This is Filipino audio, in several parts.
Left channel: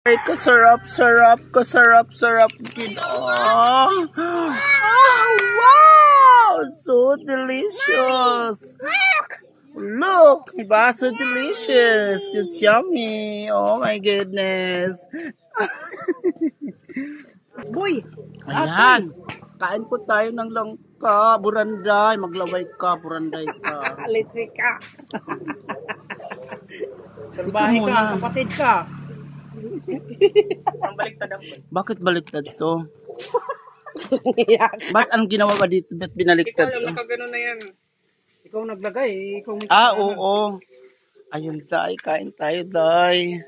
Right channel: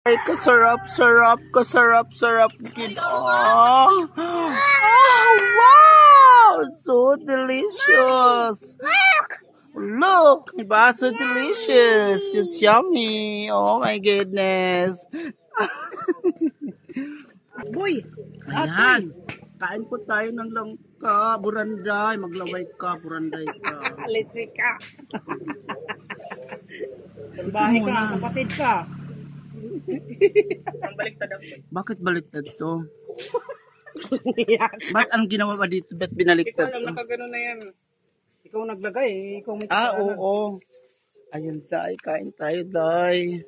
Ay, kasarap, kid. Oh, wow! So delicious. Look, diba? So delicious. It's yummy. Oh my goodness. Boy, Ayan. Kain po tayo ng langka. Buranday. Maglaway ka. Buranday ka. litsi ka. Salbahe ka, kapatid ka. Bakit baliktad to? Ba't anong ginawa ba dito? Ba't binaliktad to? Nakagano na yan. Ikaw naglagay, ikaw may Oo. Ayun, Day. Kain tayo, Day.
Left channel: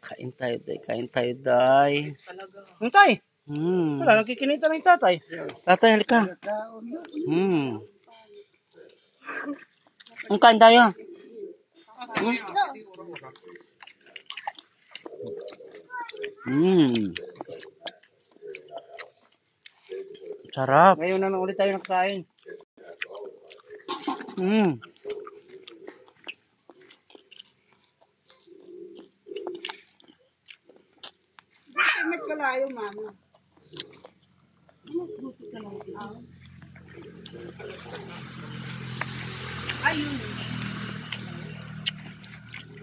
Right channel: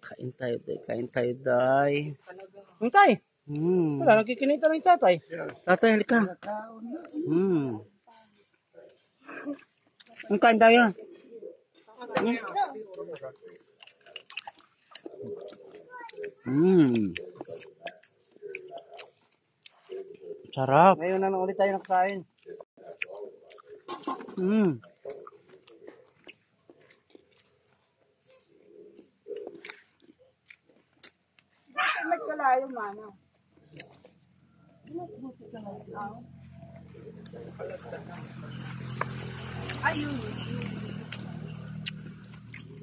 Kain tayo, Day. Tay, wala, nagkikinita ng tatay. Tatay, halika. Ang kain tayo. Sarap. Ngayon na ulit tayo nakakain. Nagkalayo, mana.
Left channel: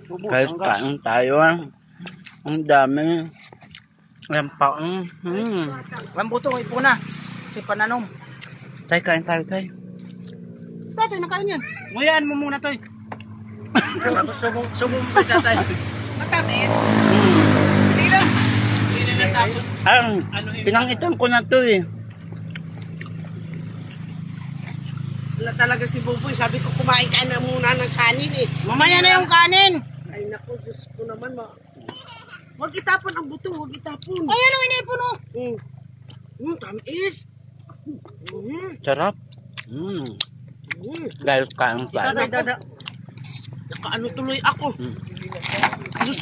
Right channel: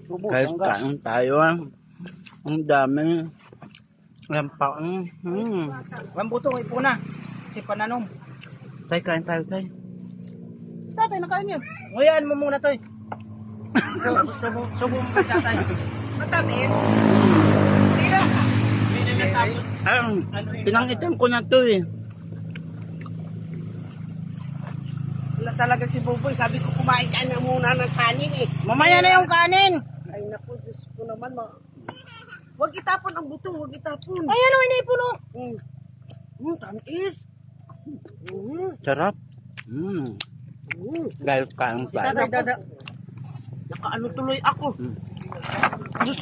Kain tayo. Ang dami. Lampa. Lambuto, ipuna. Si Pananom. Tay, kain tayo, Tay. Tatay, nakain yan. Nguyaan mo muna, Toy. Subong pa tatay. Matamis? Sino? Pinangitan ko na to eh. Wala talaga si Buboy. Sabi ko kumain ka na muna ng kanin eh. Mamaya na yung kanin. Ay naku, Diyos ko naman. Huwag itapon ang buto, huwag itapon. Ay ano, inipon o. Tamis. Sarap. Guys, kain tayo. Nakaano tuloy ako.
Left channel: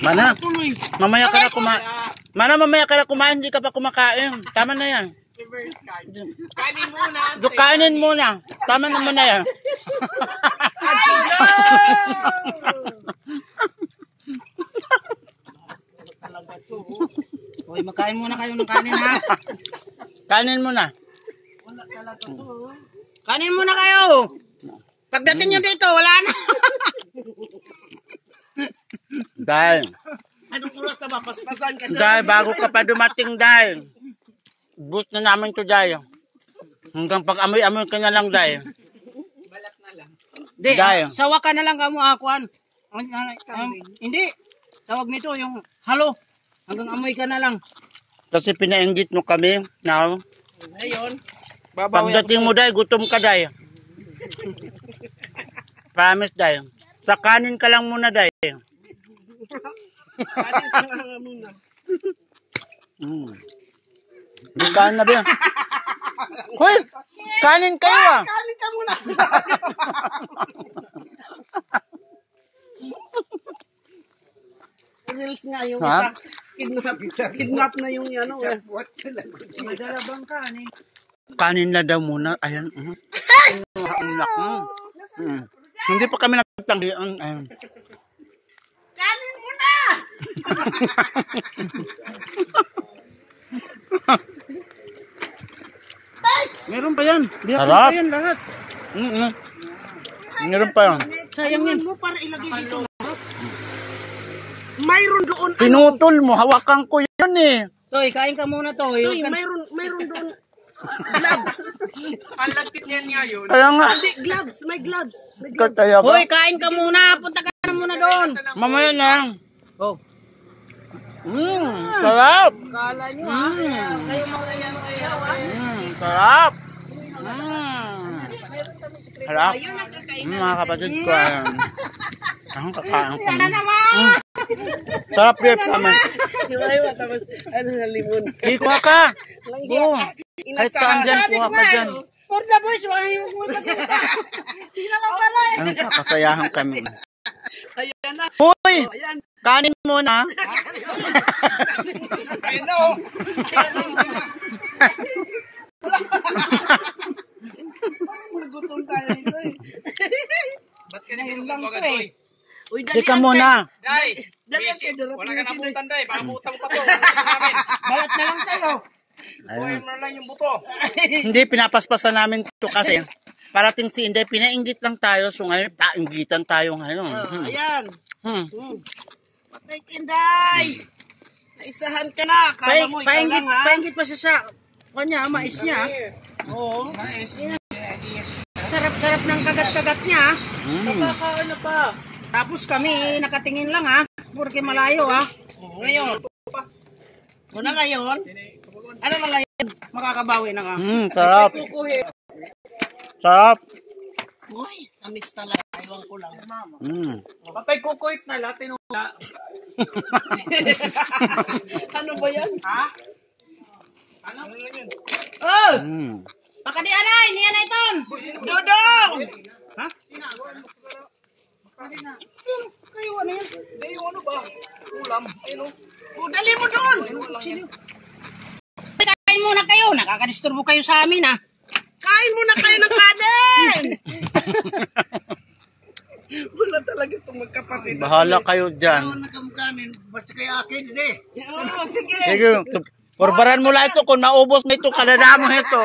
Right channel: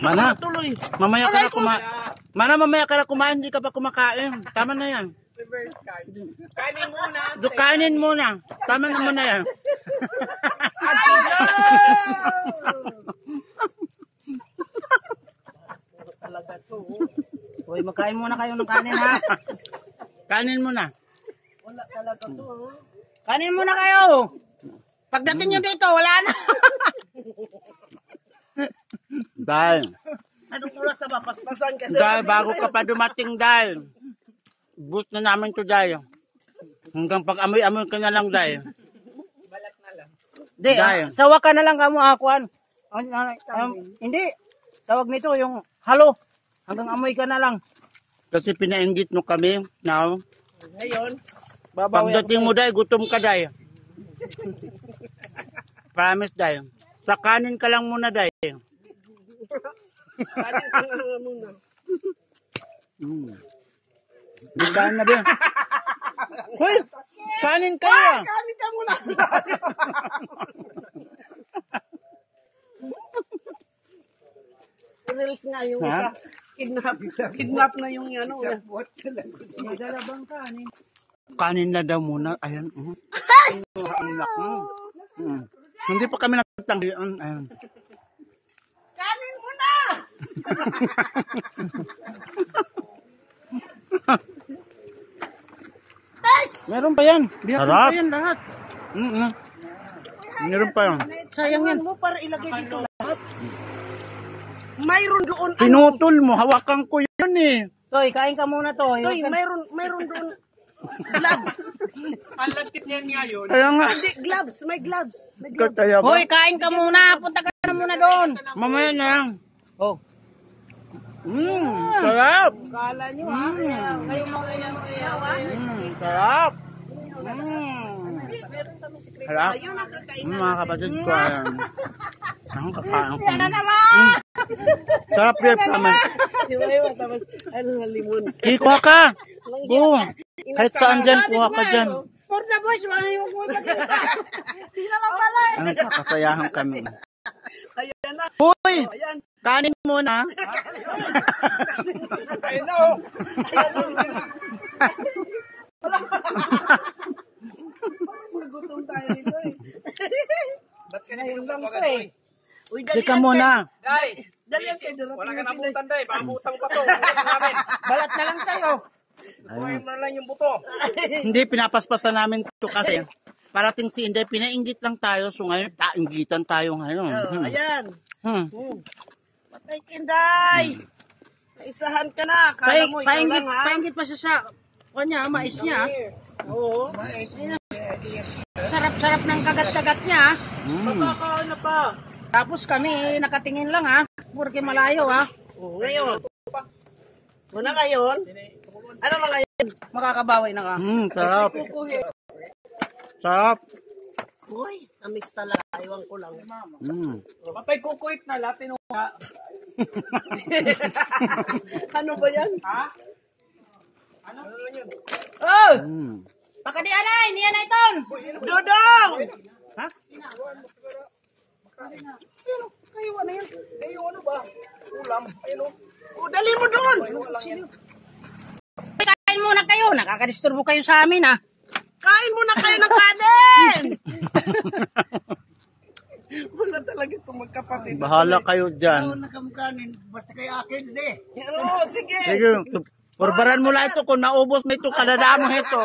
Mana? Tuloy. Mamaya ka na kumain. Mamaya ka na kumain, hindi ka pa kumakain. Tama na yan. Kainin muna. Kainin muna. Tama naman na yan. Hoy, magkain muna kayo ng kanin ha. Kanin muna. Wala talaga to. Kanin muna kayo. Pagdating nyo dito, wala na. Dahil. Anong oras na ba? Paspasan ka. Dahil, bago ka pa dumating, dahil. Boost na namin to, dahil. Hanggang pag-amoy-amoy ka na lang, dahil. Balat na lang. Hindi, sawa ka na lang kamo, Akuan. Hindi. Tawag nito yung halo. Hanggang amoy ka na lang. Kasi pinainggit mo kami. Now, Ngayon, pagdating mo, dahil, gutom ka, dahil. Promise, dahil. Sa kanin ka lang muna, dahil. kanin ka lang muna. Di kain na ba? Hoy! Kanin kayo ah! Kanin ka muna. Reels nga yung isa. Kidnap na yung ano. Madalabang kanin. Kanin na daw muna. Ayan. Hindi pa kami nagtanggihan. Ayan. Kanin muna! Meron pa yan. Harap. Pa yan lahat. Meron pa yan. Sayang yan. Mo para ilagay dito lahat. Mayroon doon. Pinutol mo. Hawakan ko yun eh. Toy, kain ka muna, Toy. Toy, mayroon doon. Gloves. Ang lagkit niyan ngayon. Kaya nga. Hindi, gloves. May gloves. Kaya ba? Hoy, kain ka muna. Punta ka na muna doon. Mamaya na. Oh. Sarap. Kala nyo ha. Kayo mga yan. Sarap. Sarap. Mga kapatid ko. Ang kakain ko. Sarap yun naman. Tapos, ano na limon. Kuha ka. Go. Kahit saan dyan, kuha ka dyan. For the boys, wala yung kuha pa dito. Hindi naman pala eh. Anong kakasayahan kami. Ayan na. Hoy! Kanin muna. Ayun na oh. Gutom tayo dito eh. Ba't ka na pinagpapagad, boy? Teka muna. Day! Dali Busy. kayo, Wala ka na abutan day. Paabutan pa to. Namin. Balat na lang sa'yo. Buhay mo na lang yung buto. Hindi, pinapaspasan namin to kasi parating si Inday, pinainggit lang tayo. So ngayon, painggitan tayo ngayon. Ayan. Hmm. Patay Kinday. Naisahan ka na. Kala mo ikaw lang ha. Paingit pa siya sa kanya, mais niya. Oo. Sarap-sarap ng kagat-kagat niya. Makakain na pa. Tapos kami nakatingin lang ha. Porque malayo ha. Ngayon. Una ngayon. Ano na ngayon? Makakabawi na ka. Sarap. Sarap. Uy, tamis talaga. Iwan ko lang. Patay kukuit na Latino. Ano ba yan? Ha? Ano lang yun? Oh! Pakadian ay! Niyan na iton! Dudong! Ha? Kayo ano yan? Hindi yung ano ba? Ulam. Ayun o. Dali mo doon! Kain muna kayo. Nakakadisturbo kayo sa amin ha. Kain muna kayo ng kanin! Wala talaga itong magkapatid. Bahala kayo dyan. Nakamukanin. Basta kayo akin, hindi. Oo, sige. Sige, purbaran mo lang ito. Kung naubos mo ito, kadadamo ito.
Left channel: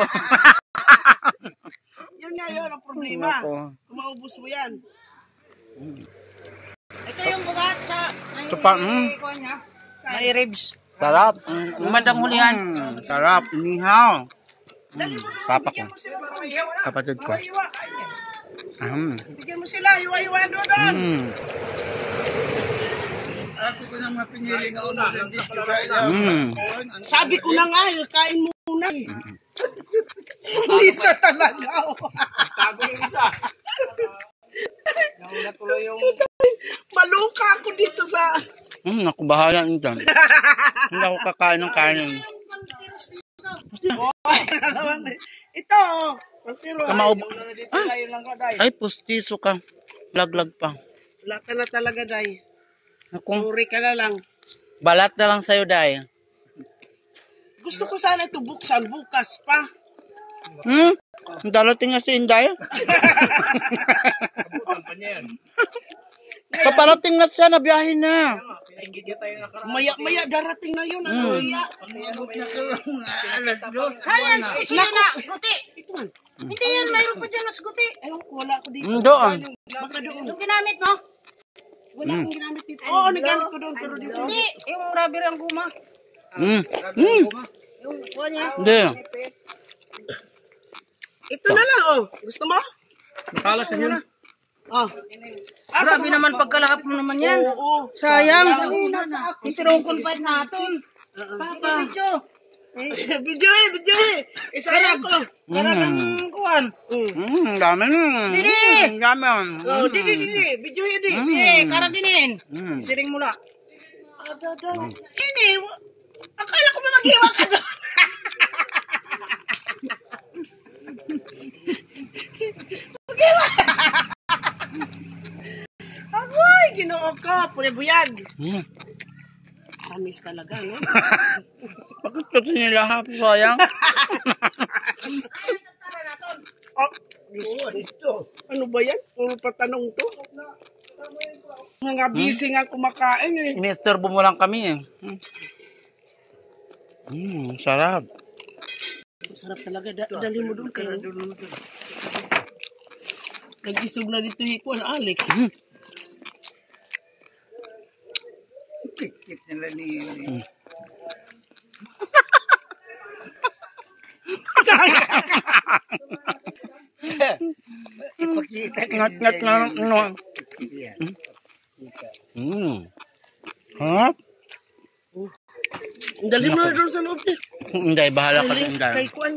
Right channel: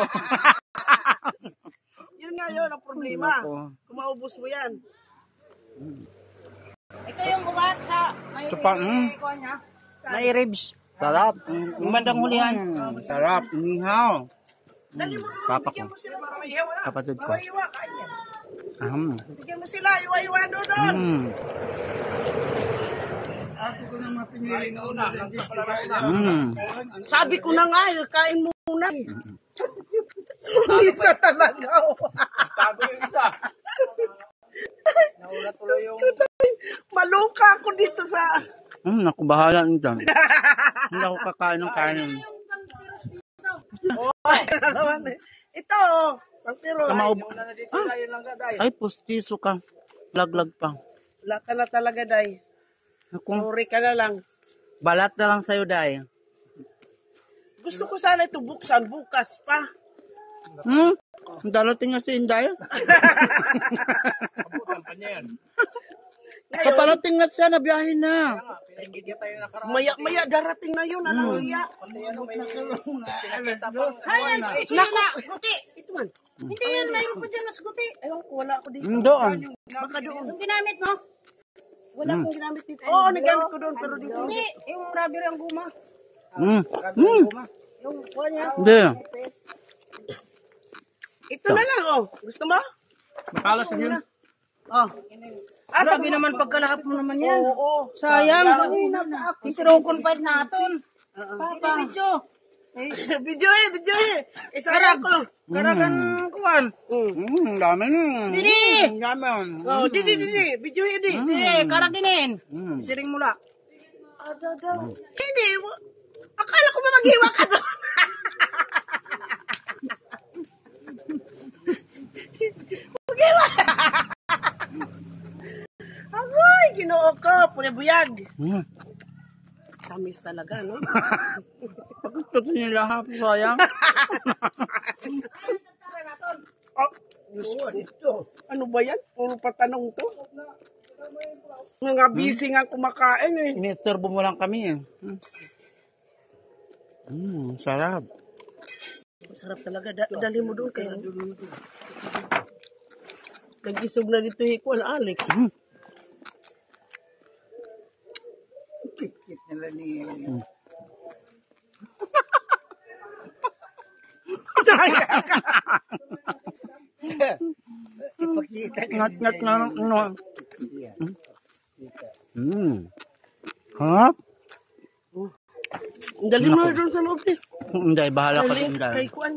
Yun nga yun ang problema. Ako. Kung maubos mo yan. Ito yung ugat sa... Ito pa, May ribs. sarap. Bandang hulihan. Sarap. Inihaw. Papa ko. Kapatid ko. Iwa. Bigyan mo sila. Iwa-iwa doon. Ako ko naman pinili na una. Sabi ko na nga, kain mo muna eh. Isa talaga. Tago yung isa. Nauna tuloy yung... Maluka ako dito sa... Naku, bahala nyo dyan. Hindi ako kakain ng kanin. Ito, pantiro. Una na dito kayo lang ka day. Ay, pustiso ka. Laglag pa. Wala ka na talaga, Day. Naku, Sorry ka na lang. balat na lang sa'yo, Day. Gusto ko sana ito buksan bukas pa. Darating na si Inday. Abutan pa niya yan. Paparating na siya, nabiyahin na. Pinagigit tayo nakaraan. Maya darating na yun. Ano? Hayan, sige na, guti. Hindi yan, mayroon pa dyan mas guti. Ewan ko, wala ako dito. Doon. Baka doon. Yung ginamit mo? Wala akong ginamit dito. Oo, nagamit ko doon, pero dito. Hindi, yung rubber ang guma. Yung kuha niya. Hindi. Ito na lang, oh. Gusto mo? Matalas na yun. Oh. Grabe naman pagkalahap mo naman yan. Oo. Sayang. Itirokon pa natin. Video. Video eh. Isa lang ko. Karagang kuhan. Dami na. Didi! Dami. Oh, di. Video di. Karaginin. Siring mula. Hindi. Akala ko ba maghiwa ka doon? Maghiwa. Amoy, ginoo ko. Pune buyag. Tamis talaga, no? Bakit kasi nila hapos, sayang? Ano ba yan? Puro patanong to. Mga busy nga kumakain eh. Inisturbo mo lang kami eh. Sarap. Sarap talaga. Dali mo doon kayo. Nag-isog na dito hikwan, Alex. Kikit nila ni... Ngat-ngat na. Harap. Dali mo na doon sa loob. Hindi, bahala ka sa Inday. Kay Kwan,